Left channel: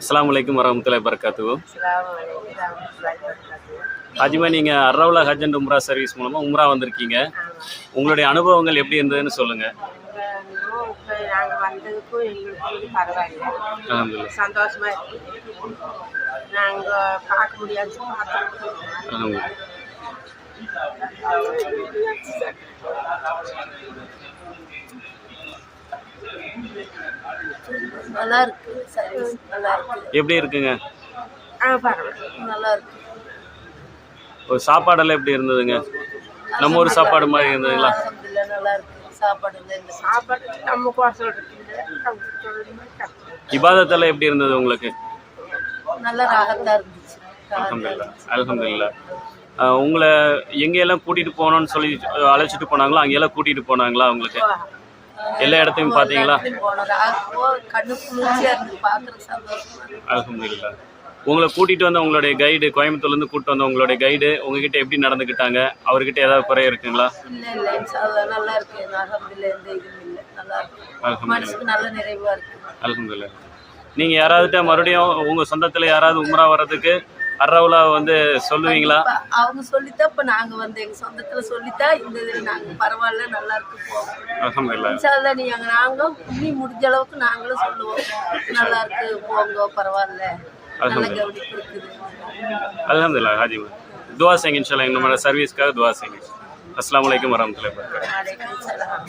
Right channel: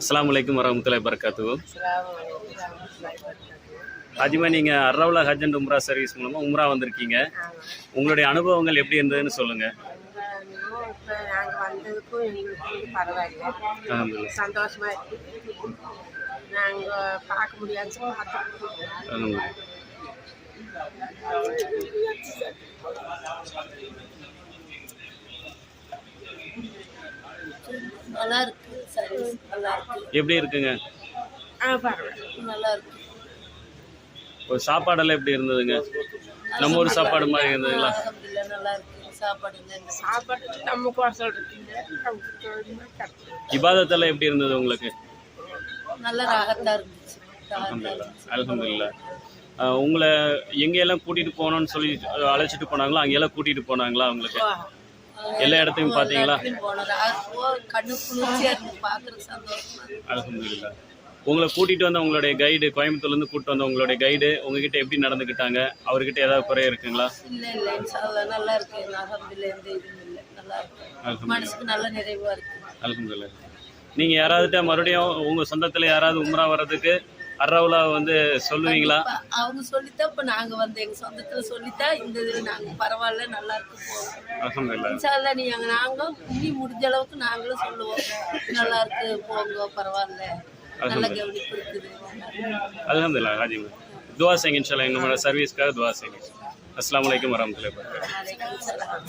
அஸ்ஸலாமு அலைக்கும் வரஹ்மத்துல்லாஹி வபரகாத்துஹு. அஸ்ஸலாமு அலைக்கும் வரஹ்மத்துல்லாஹி வபரகாத்துஹு. ஆஜிமா, நீங்கள் அர்ரவுலா ஹஜ் அண்ட் உம்ரா சர்வீஸ் மூலமாக உம்ரா வந்திருக்கீங்க. உங்களுடைய அனுபவங்கள் எப்படி இருந்ததுன்னு சொல்லுங்கள். இப்போ நாங்கள் வந்ததுக்கும் எங்களுக்கு பரவாயில்ல, அல்ஹம்துலில்லாஹ். சந்தோஷமா இருக்கு. நாங்கள் பார்க்க முடியாது, அல்ஹம்துலில்லாஹ். நல்லா இருக்கு. சர்வீஸ் நல்லா இருக்கு. எப்படி இருக்குங்க? பரவாயில்ல. நல்லா இருக்கு. ஒரு சாப்பாடெல்லாம் எப்படி இருந்ததுங்க? நம்ம ஊர் சாப்பாடு மாதிரி இருந்ததுங்களா? அல்ஹம்துலில்லாஹ் நல்லா இருக்கு. சாப்பாடு சாப்பாடு நம்ம கோசம் இருக்குது. இபாதத்தெல்லாம் எப்படி இருந்தது உங்களுக்கு? நல்லா ராகத்தா இருந்துச்சு. அல்ஹம்துலில்லாஹ் அல்ஹம்துலில்லாஹ். உங்களை எங்கெல்லாம் கூட்டிகிட்டு போகணும்னு சொல்லி அழைச்சிட்டு போனாங்களோ அங்கெல்லாம் கூட்டிகிட்டு போனாங்களா உங்களுக்கு? எல்லா இடத்தையும் பார்த்தீங்களா? கண்ணு குளிர்ச்சியா இருக்கு, பார்க்குறது சந்தோஷமா இருக்கு. அல்ஹம்துலில்லாஹ். உங்களை கூட்டிகிட்டு வந்த உங்களுடைய கைடு, கோயம்புத்தூர்லேருந்து கூப்பிட்டு வந்த உங்களுடைய கைடு உங்ககிட்ட எப்படி நடந்துக்கிட்டாங்க? அவர்கிட்ட ஏதாவது குறை இருக்குங்களா? இல்லை இன்ஷாஅல்லாஹ் நல்லா இருக்கு. அல்ஹம்துலில்லாஹ் எந்த இதுவும் இல்லை, நல்லா இருக்கு. அல்ஹம்துலில்லாஹ் மனசுக்கு நல்ல நிறைவா இருக்கு. அல்ஹம்துலில்லாஹ். நீங்கள் யாராவதுட்ட மறுபடியும் உங்கள் சொந்தத்தில் யாராவது உம்ரா வர்றதுக்கு அர்ரவுலா சொல்லுவீங்களா? அவங்க சொல்லித்தான் இப்போ நாங்கள் எங்கள் சொந்தத்தில் சொல்லித்தான் இந்த இது நாங்கள் பரவாயில்ல நல்லா இருக்கு போவோம். அல்ஹம்துலில்லாஹ். இன்ஷாஅல்லாஹ் நாங்கள் இன்னி முடிஞ்ச அளவுக்கு நாங்களும் சொல்லுவோம், நல்லா இருக்கு போங்க பரவாயில்ல, நல்ல கவனிப்பு இருக்குது. அல்ஹம்துலில்லாஹ். ஹாஜிமா, துவா செய்யுங்க. இன்ஷாஅல்லாஹ் எங்களோட சர்வீஸ்க்காக துவா செய்யுங்க. அஸ்ஸலாமு அலைக்கும் வரஹ்மத்துல்லாஹி வபரகாத்துஹு. வலைக்கும் சலாம்.